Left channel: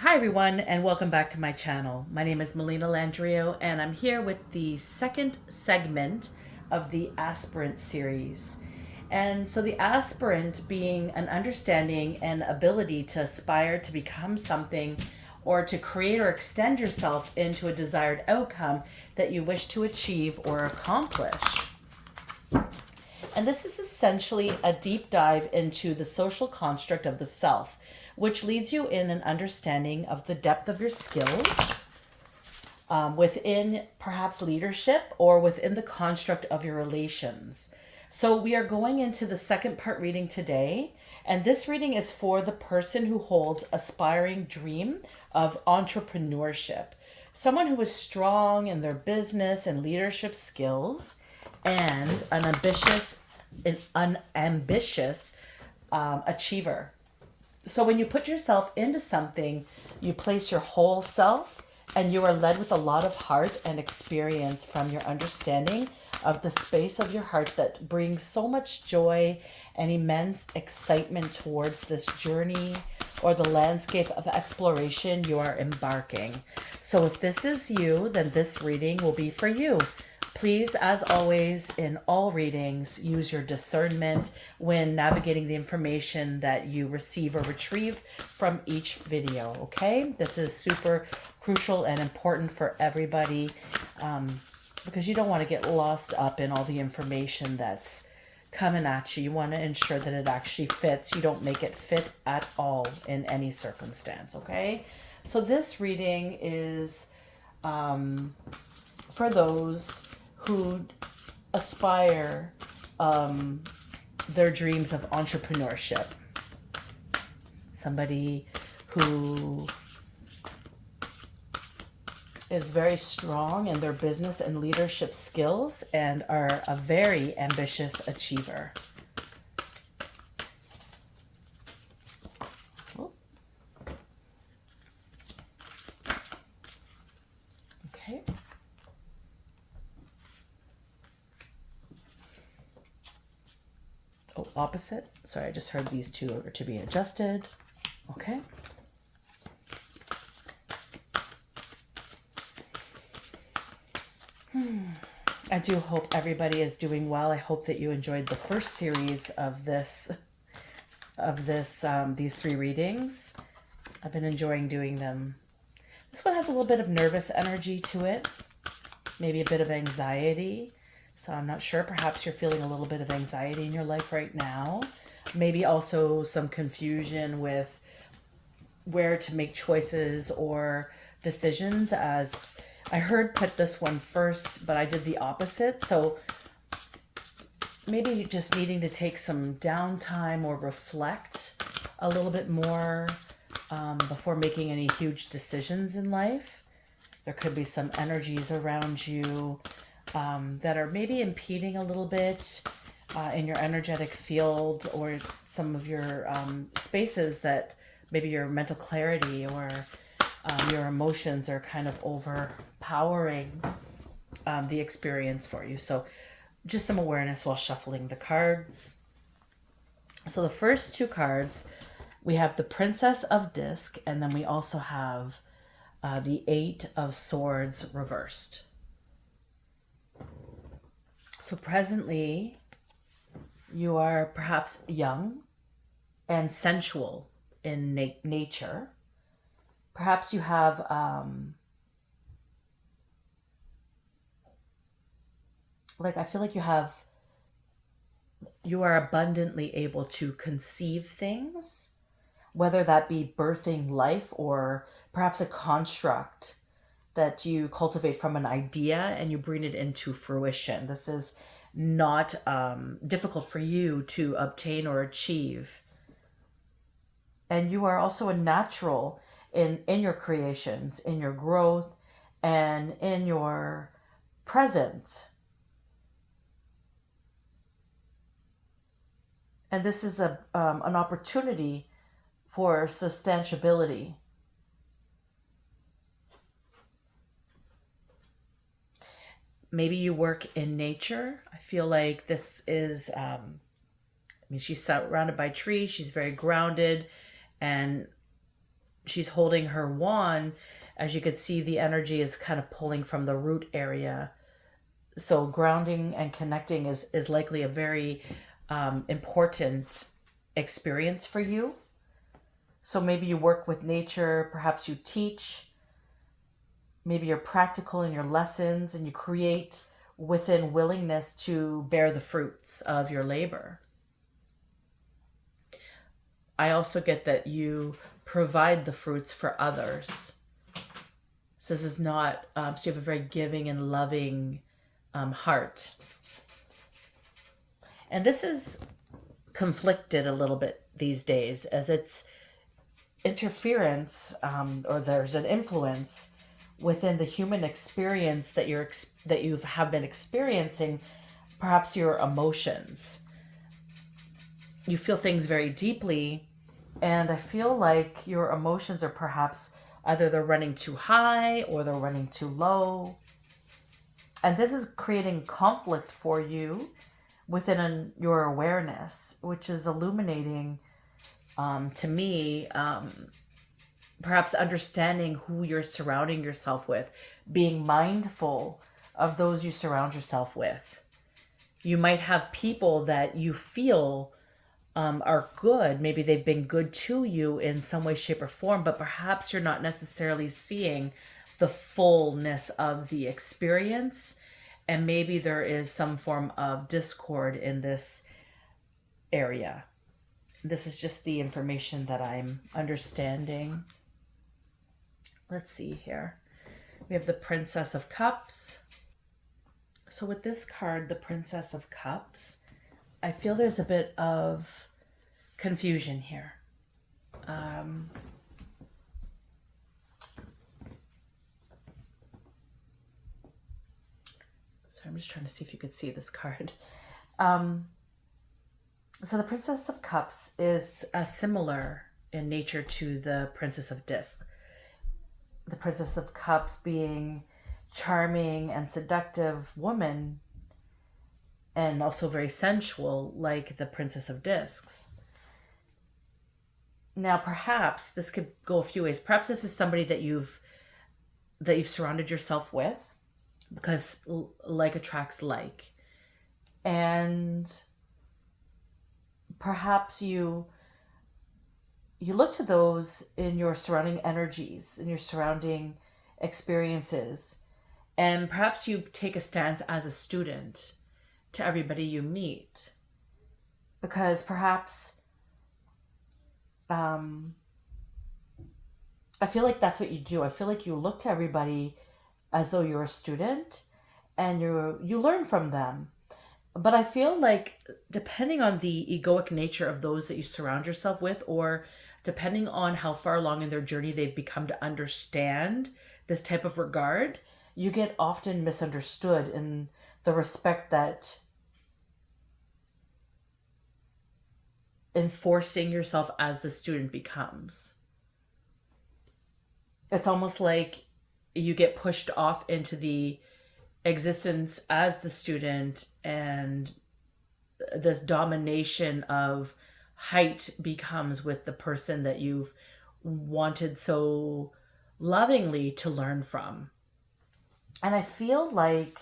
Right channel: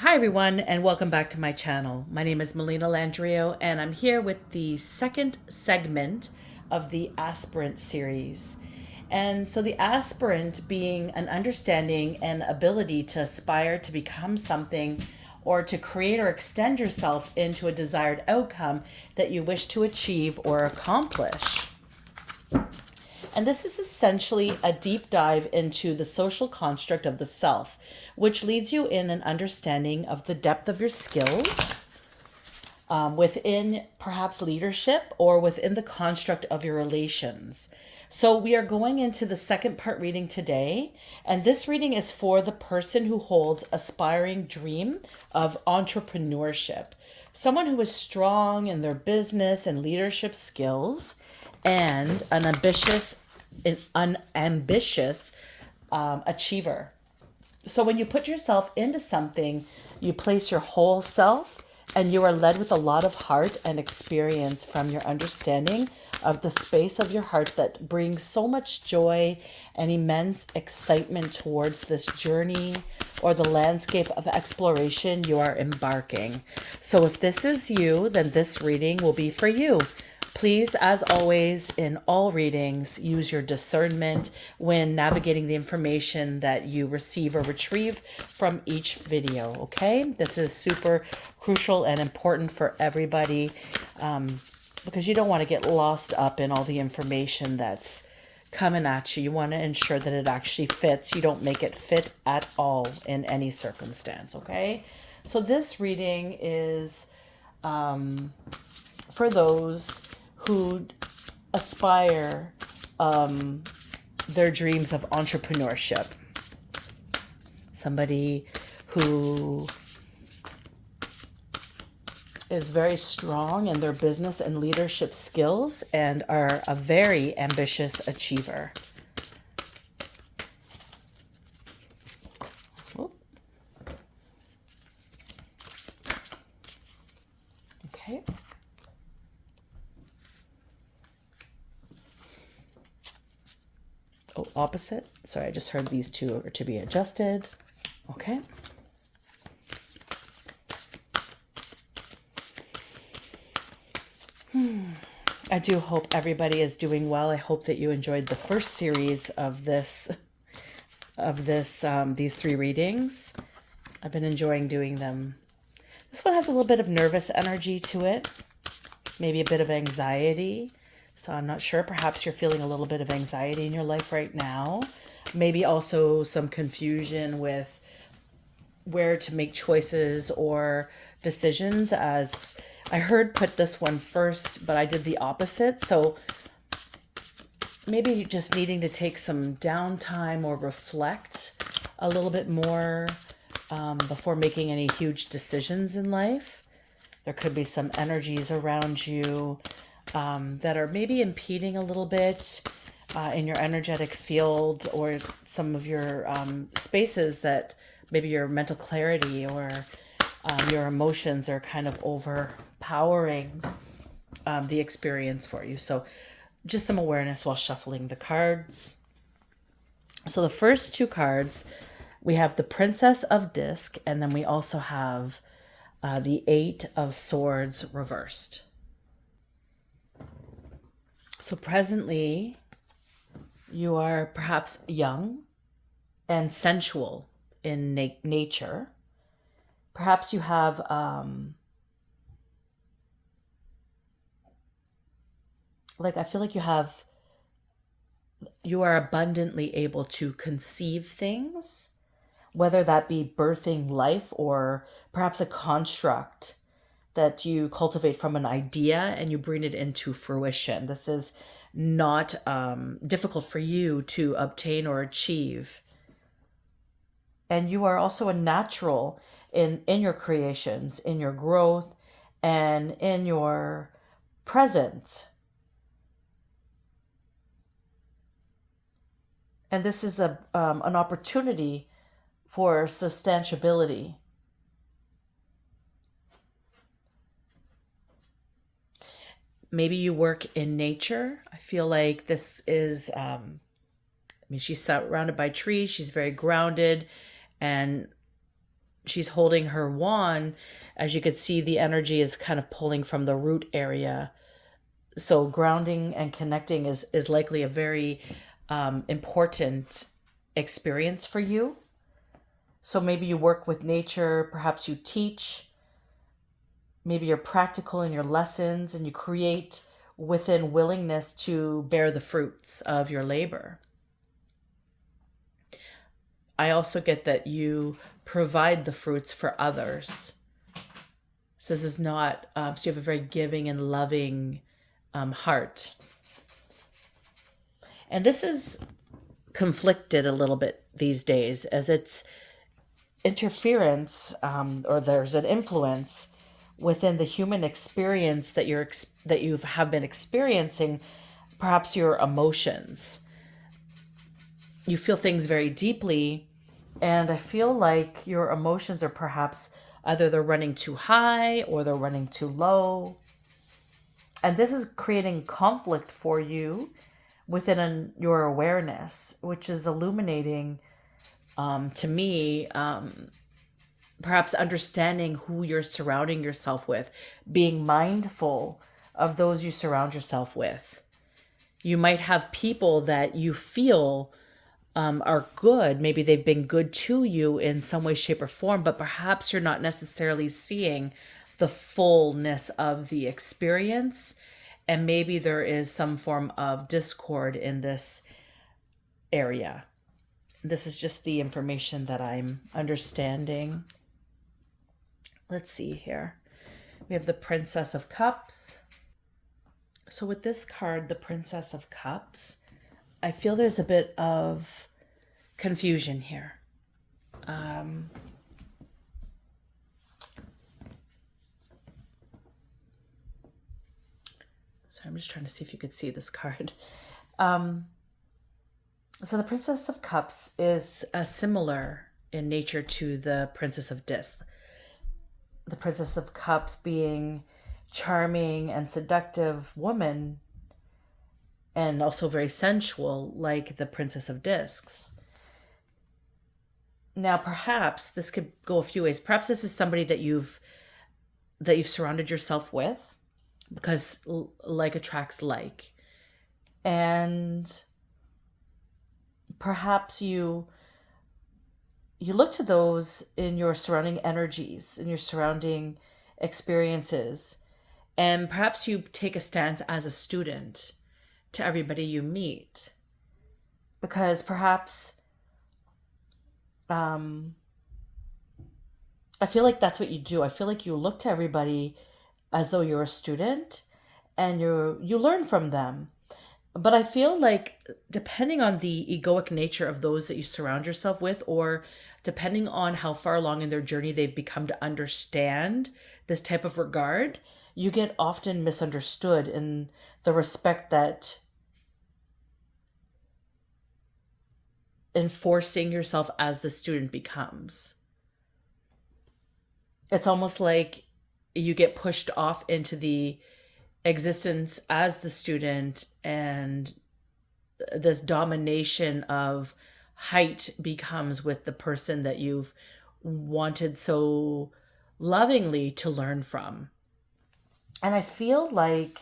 Hi everyone and welcome back to my channel. My name is Melina Landrio and I'm here with the second segment of the Aspirant series. And so the aspirant being an understanding and ability to aspire to become something or to create or extend yourself into a desired outcome that you wish to achieve or accomplish. And this is essentially a deep dive into the social construct of the self, which leads you in an understanding of the depth of your skills within perhaps leadership or within the construct of your relations. So, we are going into the second part reading today, and this reading is for the person who holds aspiring dream of entrepreneurship, someone who is strong in their business and leadership skills, and an ambitious achiever. So when you put yourself into something, you place your whole self and you are led with a lot of heart and experience from your understanding of the space of your heart that brings so much joy and immense excitement towards this journey or the landscape of exploration you are embarking. So if this is you, then this reading will be for you. Please, as always, in all readings, use your discernment when navigating the information that you receive or retrieve from each video, okay? This is super crucial and important for everybody because you don't want to get lost up in all the information that's coming at you. You want to ensure that it actually fits. You don't make it fit at all in any circumstance, okay? So this reading is for those who aspire their dreams of entrepreneurship. Somebody who is very strong in their business and leadership skills and are a very ambitious achiever. Okay. Oh, opposite. Sorry, I just heard these two are to be adjusted. Okay. I do hope everybody is doing well. I hope that you enjoyed the first series of these three readings. I've been enjoying doing them. This one has a little bit of nervous energy to it, maybe a bit of anxiety. So I'm not sure. Perhaps you're feeling a little bit of anxiety in your life right now. Maybe also some confusion with where to make choices or decisions. As I heard, put this one first, but I did the opposite. So maybe you're just needing to take some downtime or reflect a little bit more before making any huge decisions in life. There could be some energies around you that are maybe impeding a little bit in your energetic field or some of your spaces that maybe your mental clarity or your emotions are kind of overpowering the experience for you. So just some awareness while shuffling the cards. So the first two cards, we have the Princess of Disc, and then we also have the Eight of Swords reversed. So presently, you are perhaps young and sensual in nature. Perhaps you have I feel like you are abundantly able to conceive things, whether that be birthing life or perhaps a construct that you cultivate from an idea and you bring it into fruition. This is not difficult for you to obtain or achieve. And you are also a natural in your creations, in your growth, and in your presence. And this is an opportunity for substantiability. Maybe you work in nature. I feel like this is, she's surrounded by trees. She's very grounded and she's holding her wand. As you could see, the energy is kind of pulling from the root area. So grounding and connecting is likely a very important experience for you. So maybe you work with nature, perhaps you teach, maybe you're practical in your lessons, and you create within willingness to bear the fruits of your labor. I also get that you provide the fruits for others. So this is not, so you have a very giving and loving heart. And this is conflicted a little bit these days, as it's interference, or there's an influence within the human experience that you have been experiencing, perhaps your emotions. You feel things very deeply, and I feel like your emotions are perhaps either they're running too high or they're running too low. And this is creating conflict for you within your awareness, which is illuminating to me, perhaps understanding who you're surrounding yourself with, being mindful of those you surround yourself with. You might have people that you feel are good. Maybe they've been good to you in some way, shape, or form, but perhaps you're not necessarily seeing the fullness of the experience. And maybe there is some form of discord in this area. This is just the information that I'm understanding. Let's see here. We have the Princess of Cups. So with this card, the Princess of Cups, I feel there's a bit of confusion here. So I'm just trying to see if you could see this card. So the Princess of Cups is similar in nature to the Princess of Discs. The Princess of Cups being charming and seductive woman, and also very sensual, like the Princess of Discs. Now, perhaps this could go a few ways. Perhaps this is somebody that you've surrounded yourself with, because like attracts like. And perhaps you look to those in your surrounding energies, in your surrounding experiences, and perhaps you take a stance as a student to everybody you meet, because perhaps I feel like that's what you do. I feel like you look to everybody as though you're a student, and you learn from them. But I feel like depending on the egoic nature of those that you surround yourself with, or depending on how far along in their journey they've become to understand this type of regard, you get often misunderstood in the respect that enforcing yourself as the student becomes. It's almost like you get pushed off into the existence as the student, and this domination of height becomes with the person that you've wanted so lovingly to learn from. And I feel like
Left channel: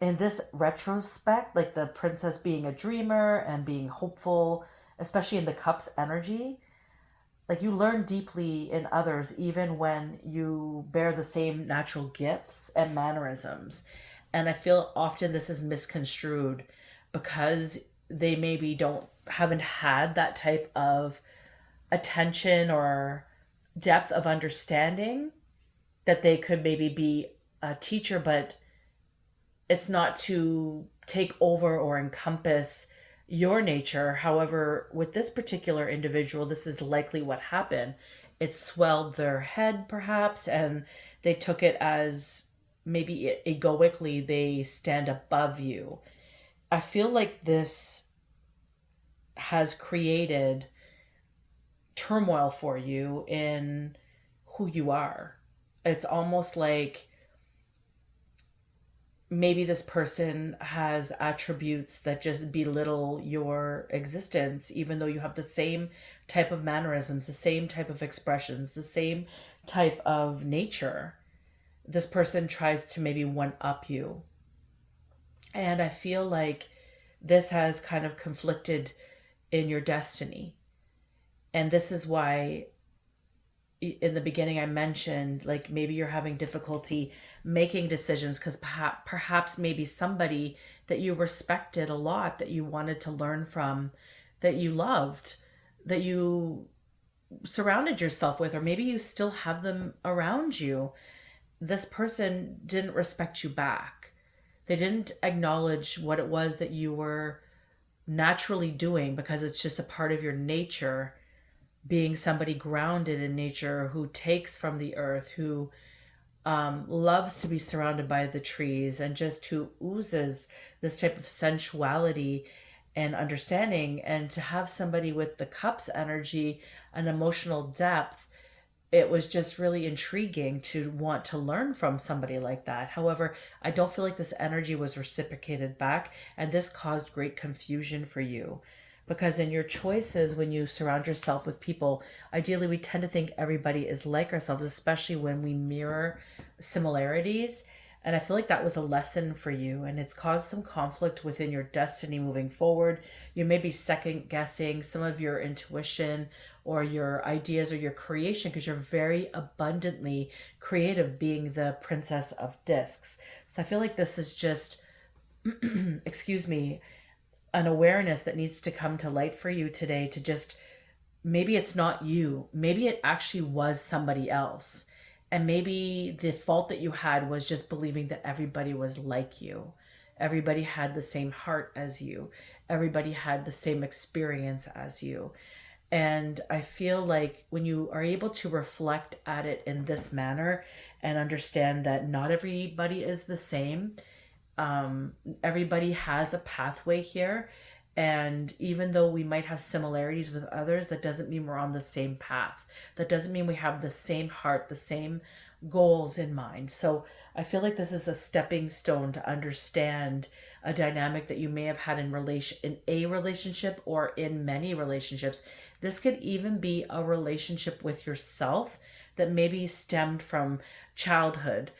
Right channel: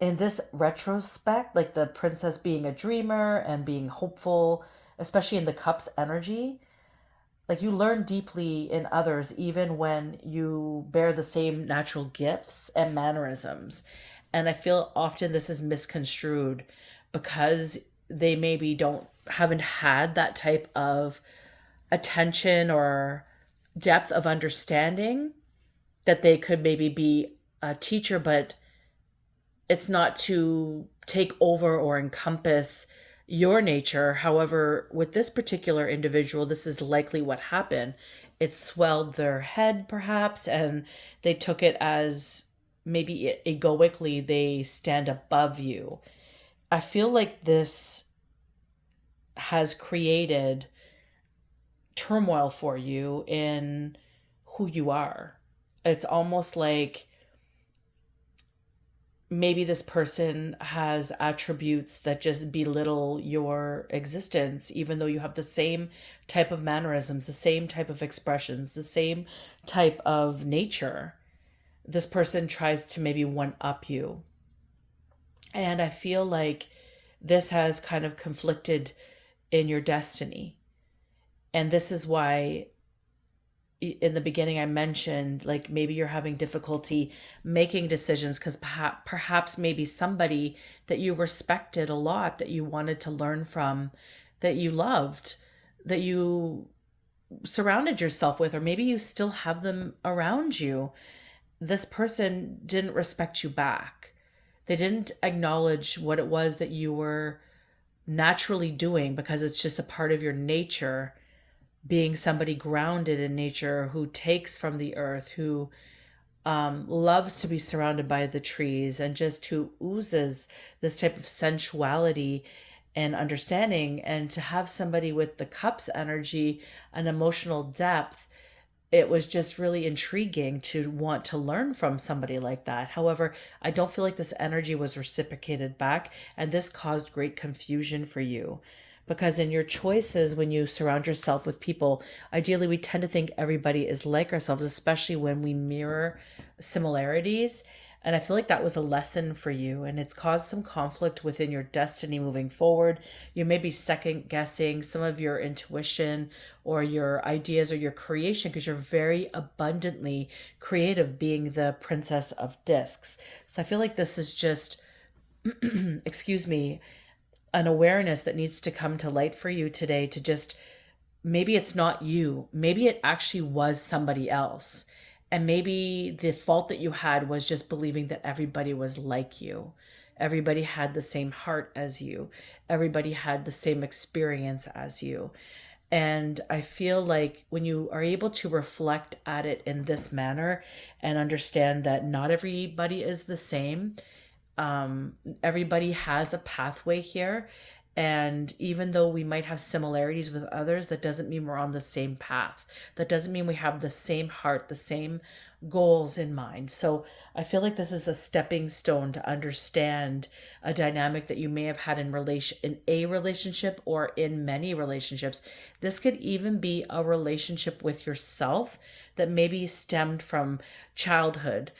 in this retrospect, like the princess being a dreamer and being hopeful, especially in the cups energy, like you learn deeply in others even when you bear the same natural gifts and mannerisms. And I feel often this is misconstrued because they maybe haven't had that type of attention or depth of understanding, that they could maybe be a teacher, but it's not to take over or encompass your nature. However, with this particular individual, this is likely what happened. It swelled their head, perhaps, and they took it as maybe egoically they stand above you. I feel like this has created turmoil for you in who you are. It's almost like maybe this person has attributes that just belittle your existence, even though you have the same type of mannerisms, the same type of expressions, the same type of nature. This person tries to maybe one up you. And I feel like this has kind of conflicted in your destiny. And this is why in the beginning I mentioned like maybe you're having difficulty making decisions because perhaps maybe somebody that you respected a lot, that you wanted to learn from, that you loved, that you surrounded yourself with, or maybe you still have them around you, this person didn't respect you back. They didn't acknowledge what it was that you were naturally doing because it's just a part of your nature, being somebody grounded in nature who takes from the earth, who loves to be surrounded by the trees, and just who oozes this type of sensuality and understanding. And to have somebody with the cups energy and emotional depth, it was just really intriguing to want to learn from somebody like that. However, I don't feel like this energy was reciprocated back, and this caused great confusion for you. Because in your choices, when you surround yourself with people, ideally we tend to think everybody is like ourselves, especially when we mirror similarities. And I feel like that was a lesson for you, and it's caused some conflict within your destiny moving forward. You may be second guessing some of your intuition or your ideas or your creation because you're very abundantly creative, being the Princess of Discs. So I feel like this is just, excuse me, an awareness that needs to come to light for you today, to just, maybe it's not you, maybe it actually was somebody else. And maybe the fault that you had was just believing that everybody was like you. Everybody had the same heart as you. Everybody had the same experience as you. And I feel like when you are able to reflect at it in this manner and understand that not everybody is the same, everybody has a pathway here. And even though we might have similarities with others, that doesn't mean we're on the same path. That doesn't mean we have the same heart, the same goals in mind. So I feel like this is a stepping stone to understand a dynamic that you may have had in a relationship or in many relationships. This could even be a relationship with yourself that maybe stemmed from childhood.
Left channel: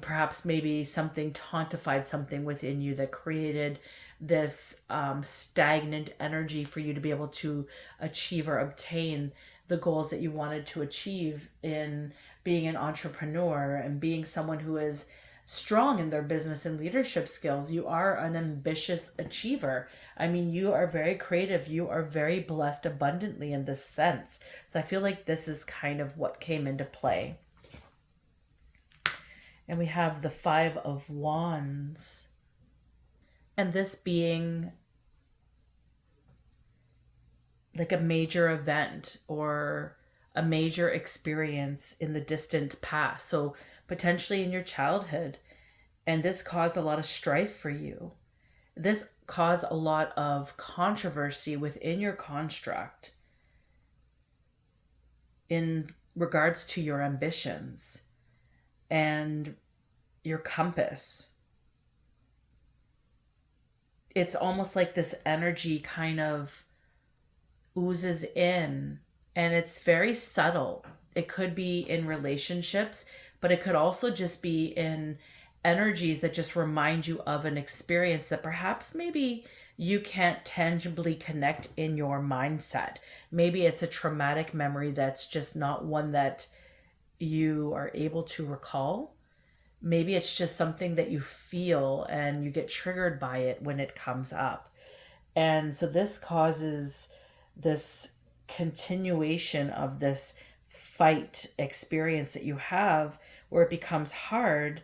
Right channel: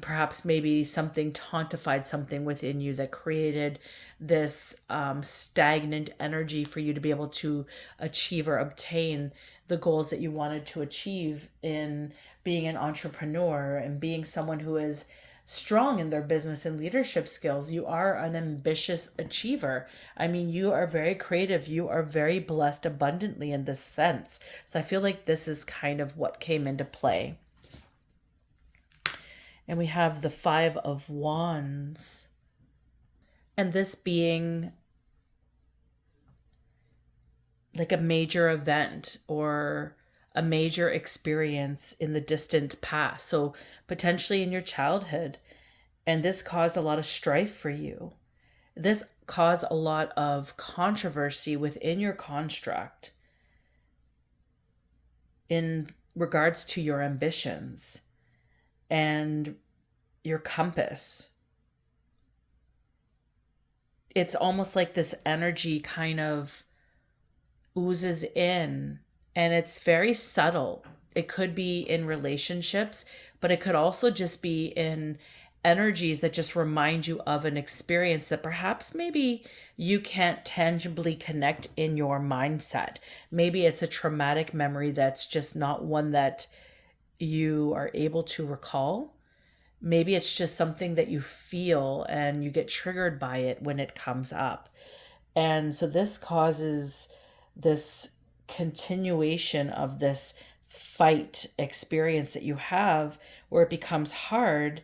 Perhaps maybe something tontified something within you that created this stagnant energy for you to be able to achieve or obtain the goals that you wanted to achieve in being an entrepreneur and being someone who is strong in their business and leadership skills. You are an ambitious achiever. I mean, you are very creative. You are very blessed abundantly in this sense. So I feel like this is kind of what came into play. And we have the Five of Wands. And this being like a major event or a major experience in the distant past. So potentially in your childhood. And this caused a lot of strife for you. This caused a lot of controversy within your construct in regards to your ambitions and your compass. It's almost like this energy kind of oozes in, and it's very subtle. It could be in relationships, but it could also just be in energies that just remind you of an experience that perhaps maybe you can't tangibly connect in your mindset. Maybe it's a traumatic memory that's just not one that you are able to recall. Maybe it's just something that you feel and you get triggered by it when it comes up. And so this causes this continuation of this fight experience that you have, where it becomes hard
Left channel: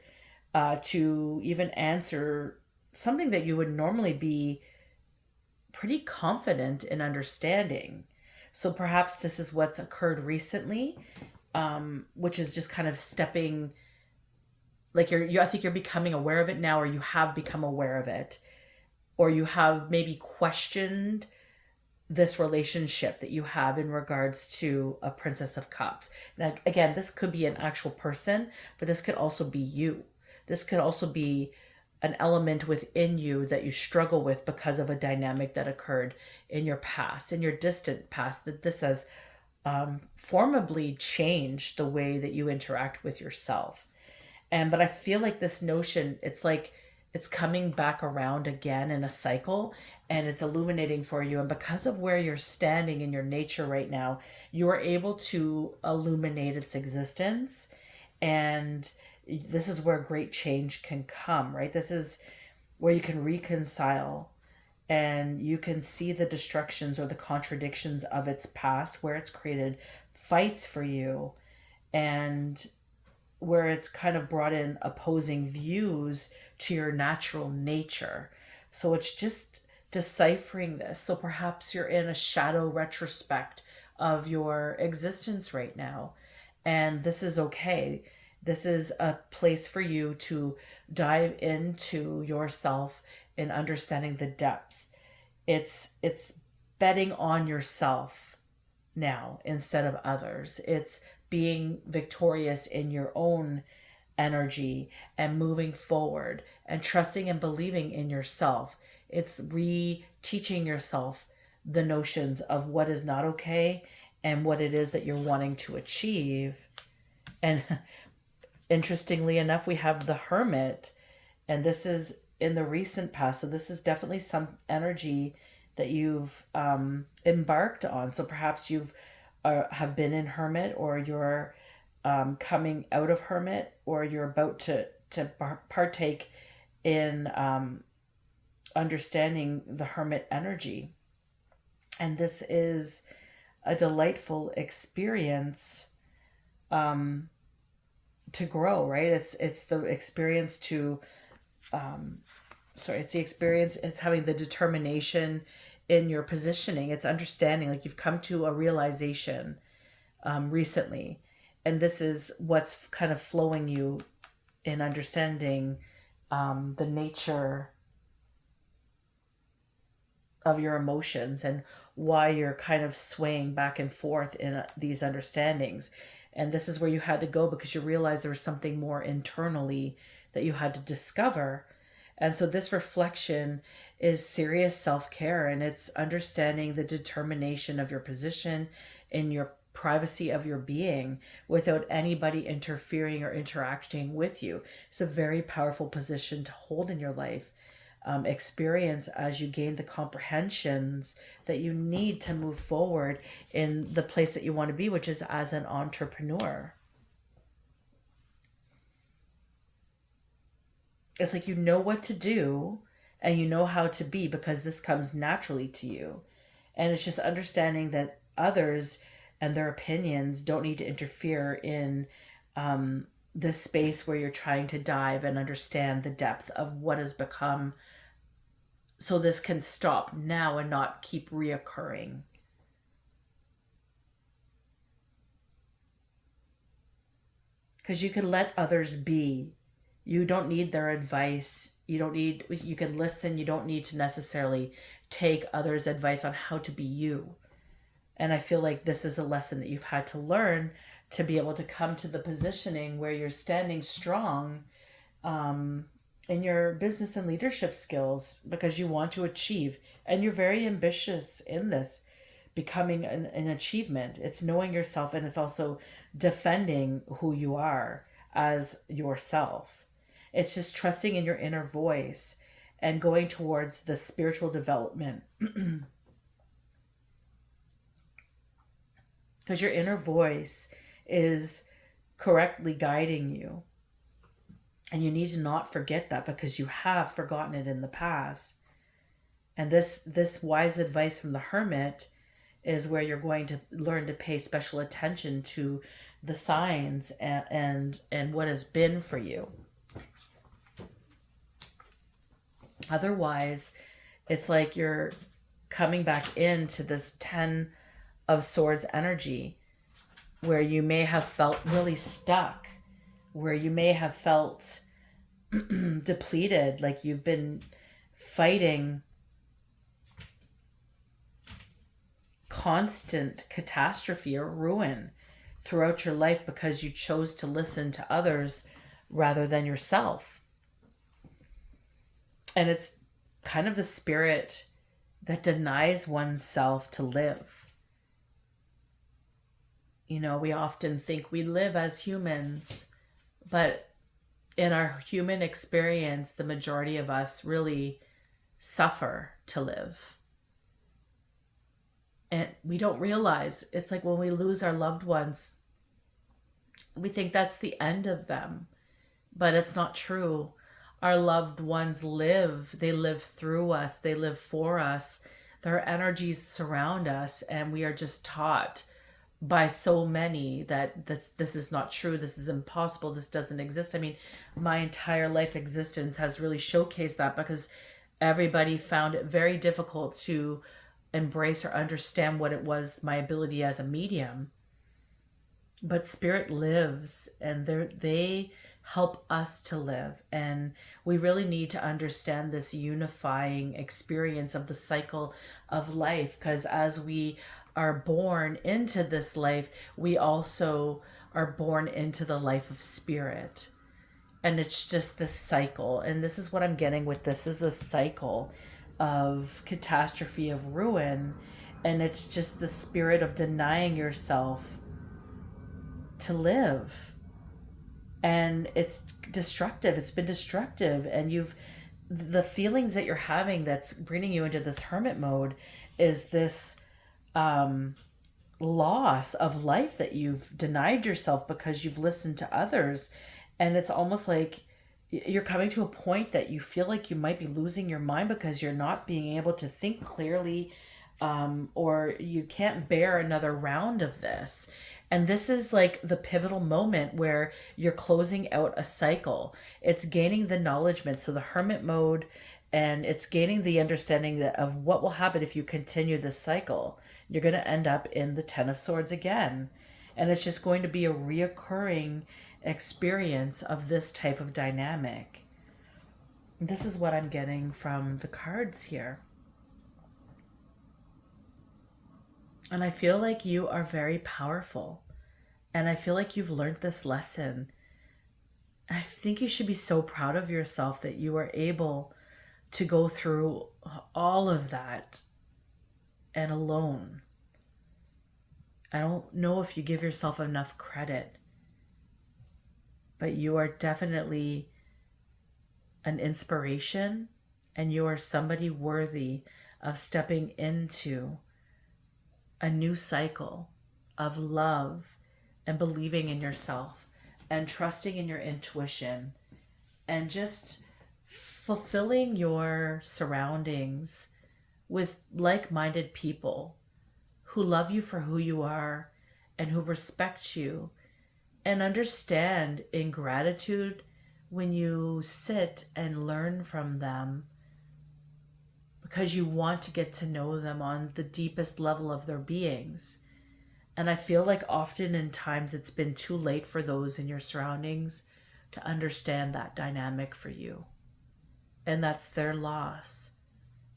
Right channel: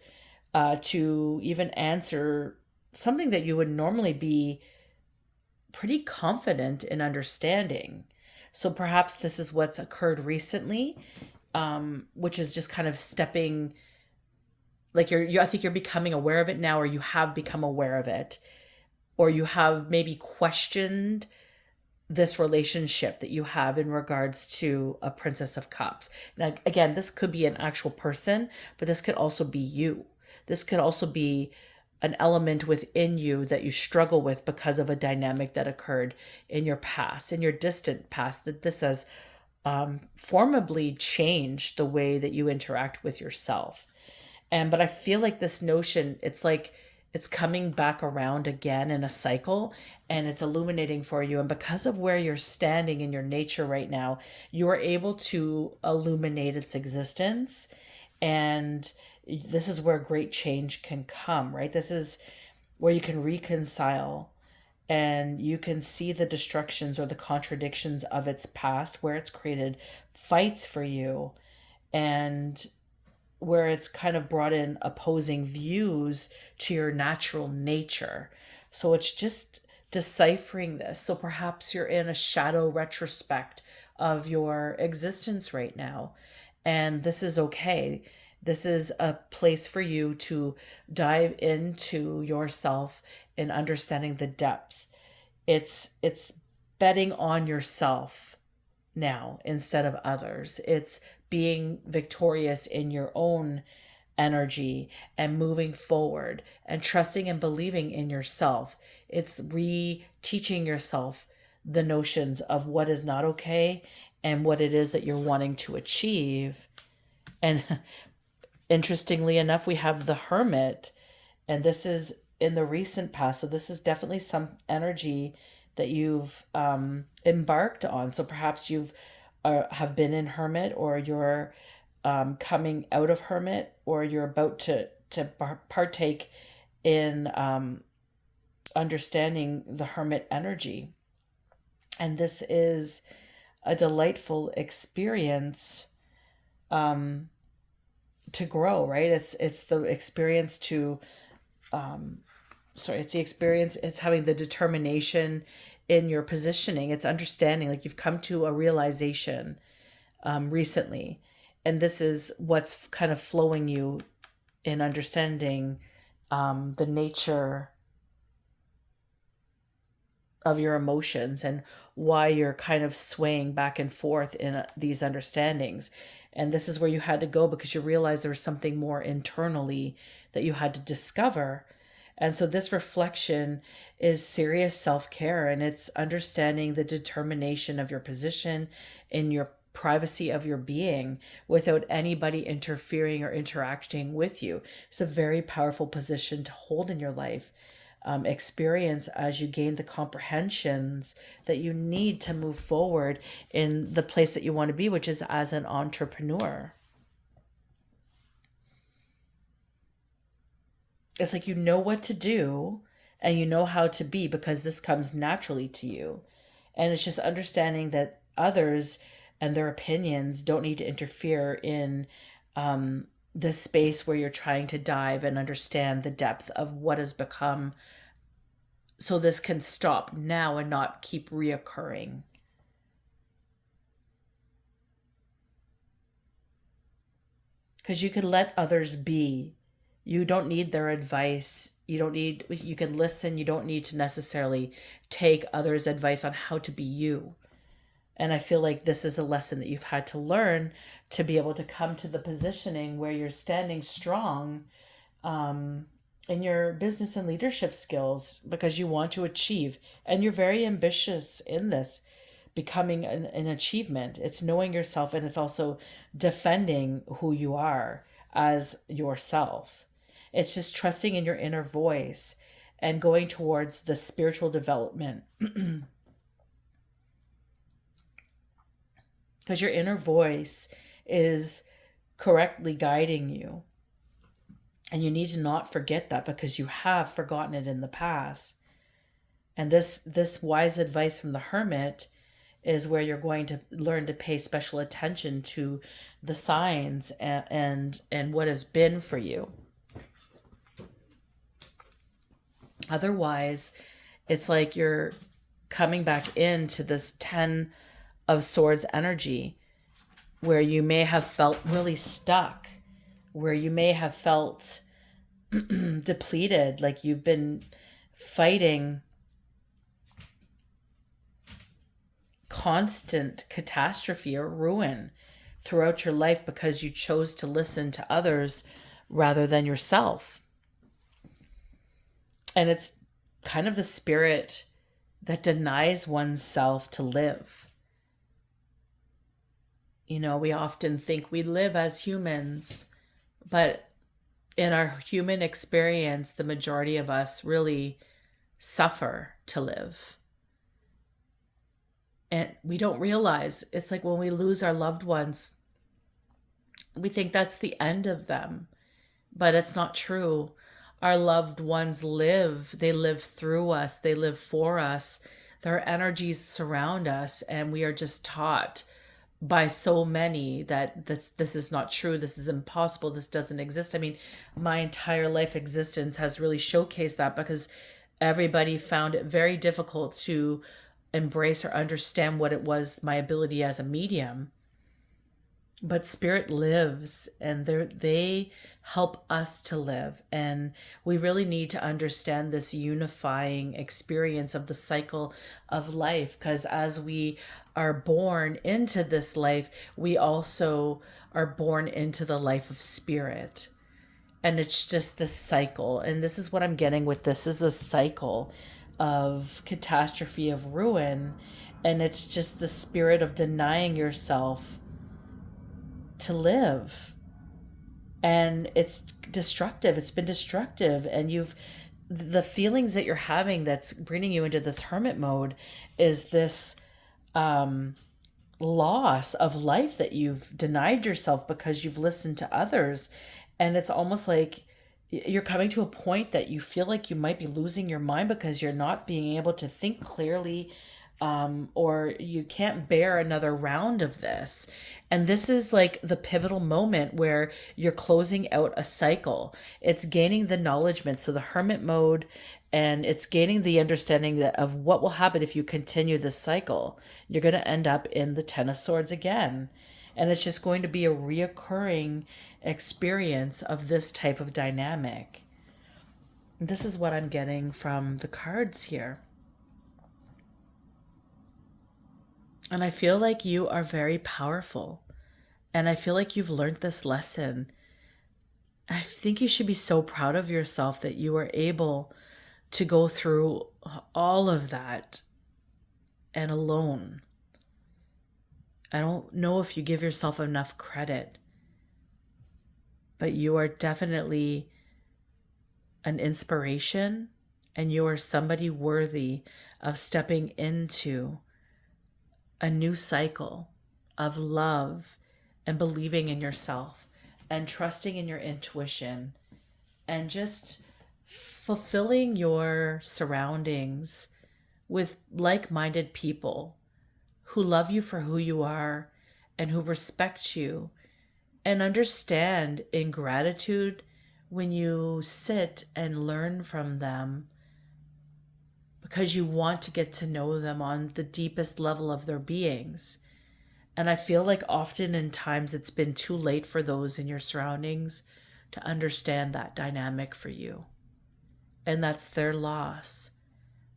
to even answer something that you would normally be pretty confident in understanding. So perhaps this is what's occurred recently, which is just kind of stepping, like I think you're becoming aware of it now, or you have become aware of it, or you have maybe questioned this relationship that you have in regards to a Princess of Cups. Now, again, this could be an actual person, but this could also be you. This could also be an element within you that you struggle with because of a dynamic that occurred in your past, in your distant past, that this has formably changed the way that you interact with yourself. But I feel like this notion, it's like it's coming back around again in a cycle, and it's illuminating for you. And because of where you're standing in your nature right now, you are able to illuminate its existence. And this is where great change can come, right? This is where you can reconcile and you can see the destructions or the contradictions of its past, where it's created fights for you, and where it's kind of brought in opposing views to your natural nature. So it's just deciphering this. So perhaps you're in a shadow retrospect of your existence right now, and this is okay. This is a place for you to dive into yourself and understanding the depth. It's betting on yourself now instead of others. It's being victorious in your own energy and moving forward and trusting and believing in yourself. It's re-teaching yourself the notions of what is not okay and what it is that you're wanting to achieve. And interestingly enough, we have the Hermit, and this is in the recent past. So this is definitely some energy that you've embarked on. So perhaps you've have been in Hermit, or you're coming out of Hermit, or you're about to partake in understanding the Hermit energy. And this is a delightful experience to grow, right? It's the experience to it's the experience, it's having the determination in your positioning. It's understanding, like you've come to a realization recently, and this is what's kind of flowing you in understanding the nature of your emotions and why you're kind of swaying back and forth in these understandings. And this is where you had to go, because you realized there was something more internally that you had to discover. And so this reflection is serious self-care, and it's understanding the determination of your position in your privacy of your being without anybody interfering or interacting with you. It's a very powerful position to hold in your life. Experience as you gain the comprehensions that you need to move forward in the place that you want to be, which is as an entrepreneur. It's like you know what to do and you know how to be, because this comes naturally to you. And it's just understanding that others and their opinions don't need to interfere in this space where you're trying to dive and understand the depth of what has become, so this can stop now and not keep reoccurring. Because you can let others be. You don't need their advice. You can listen. You don't need to necessarily take others' advice on how to be you. And I feel like this is a lesson that you've had to learn to be able to come to the positioning where you're standing strong in your business and leadership skills, because you want to achieve. And you're very ambitious in this, becoming an achievement. It's knowing yourself, and it's also defending who you are as yourself. It's just trusting in your inner voice and going towards the spiritual development. Because your inner voice is correctly guiding you. And you need to not forget that, because you have forgotten it in the past. And this wise advice from the Hermit is where you're going to learn to pay special attention to the signs and what has been for you. Otherwise, it's like you're coming back into this 10 of Swords energy, where you may have felt really stuck, where you may have felt depleted, like you've been fighting constant catastrophe or ruin throughout your life because you chose to listen to others rather than yourself. And it's kind of the spirit that denies oneself to live. You know, we often think we live as humans, but in our human experience, the majority of us really suffer to live. And we don't realize it's like when we lose our loved ones, we think that's the end of them, but it's not true. Our loved ones live, they live through us, they live for us. Their energies surround us, and we are just taught by so many that this is not true, this is impossible, this doesn't exist. I mean, my entire life existence has really showcased that, because everybody found it very difficult to embrace or understand what it was, my ability as a medium. But spirit lives, and they help us to live. And we really need to understand this unifying experience of the cycle of life, because as we are born into this life, we also are born into the life of spirit. And it's just this cycle. And this is what I'm getting with this, is a cycle of catastrophe, of ruin. And it's just the spirit of denying yourself to live. And it's destructive. It's been destructive. And the feelings that you're having that's bringing you into this hermit mode is this loss of life that you've denied yourself because you've listened to others. And it's almost like you're coming to a point that you feel like you might be losing your mind because you're not being able to think clearly, or you can't bear another round of this. And this is like the pivotal moment where you're closing out a cycle. It's gaining the acknowledgement. So the hermit mode, and it's gaining the understanding that of what will happen if you continue this cycle. You're going to end up in the Ten of Swords again. And it's just going to be a reoccurring experience of this type of dynamic. This is what I'm getting from the cards here. And I feel like you are very powerful. And I feel like you've learned this lesson. I think you should be so proud of yourself that you were able to go through all of that and alone. I don't know if you give yourself enough credit, but you are definitely an inspiration, and you are somebody worthy of stepping into a new cycle of love and believing in yourself and trusting in your intuition and just fulfilling your surroundings with like-minded people who love you for who you are and who respect you and understand in gratitude when you sit and learn from them, because you want to get to know them on the deepest level of their beings. And I feel like often in times it's been too late for those in your surroundings to understand that dynamic for you. And that's their loss.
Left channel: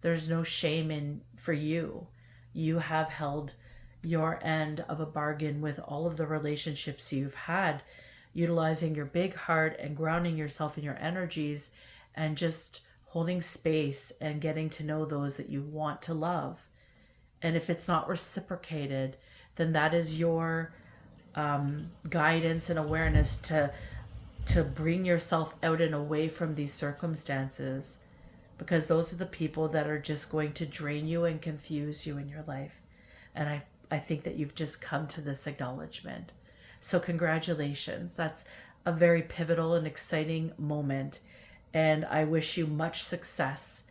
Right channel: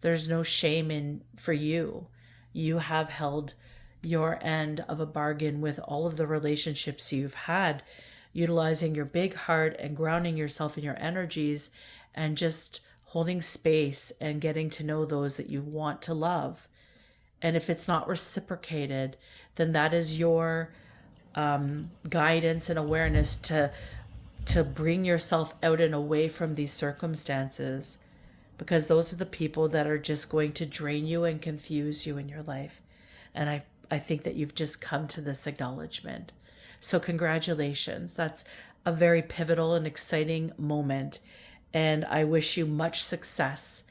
There's no shame in for you. You have held your end of a bargain with all of the relationships you've had, utilizing your big heart and grounding yourself in your energies and just holding space and getting to know those that you want to love. And if it's not reciprocated, then that is your guidance and awareness to bring yourself out and away from these circumstances, because those are the people that are just going to drain you and confuse you in your life. And I think that you've just come to this acknowledgement. So congratulations. That's a very pivotal and exciting moment. And I wish you much success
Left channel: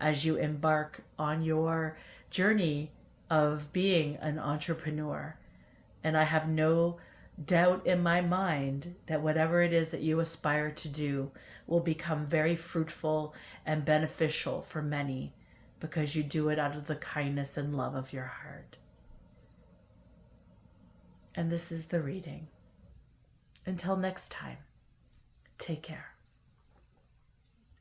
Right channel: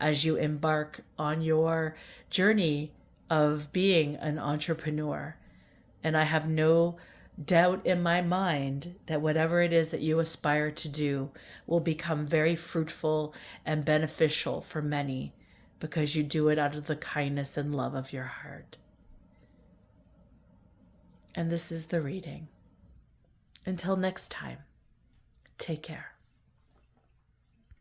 as you embark on your journey of being an entrepreneur. And I have no doubt in my mind that whatever it is that you aspire to do will become very fruitful and beneficial for many, because you do it out of the kindness and love of your heart. And this is the reading. Until next time, take care.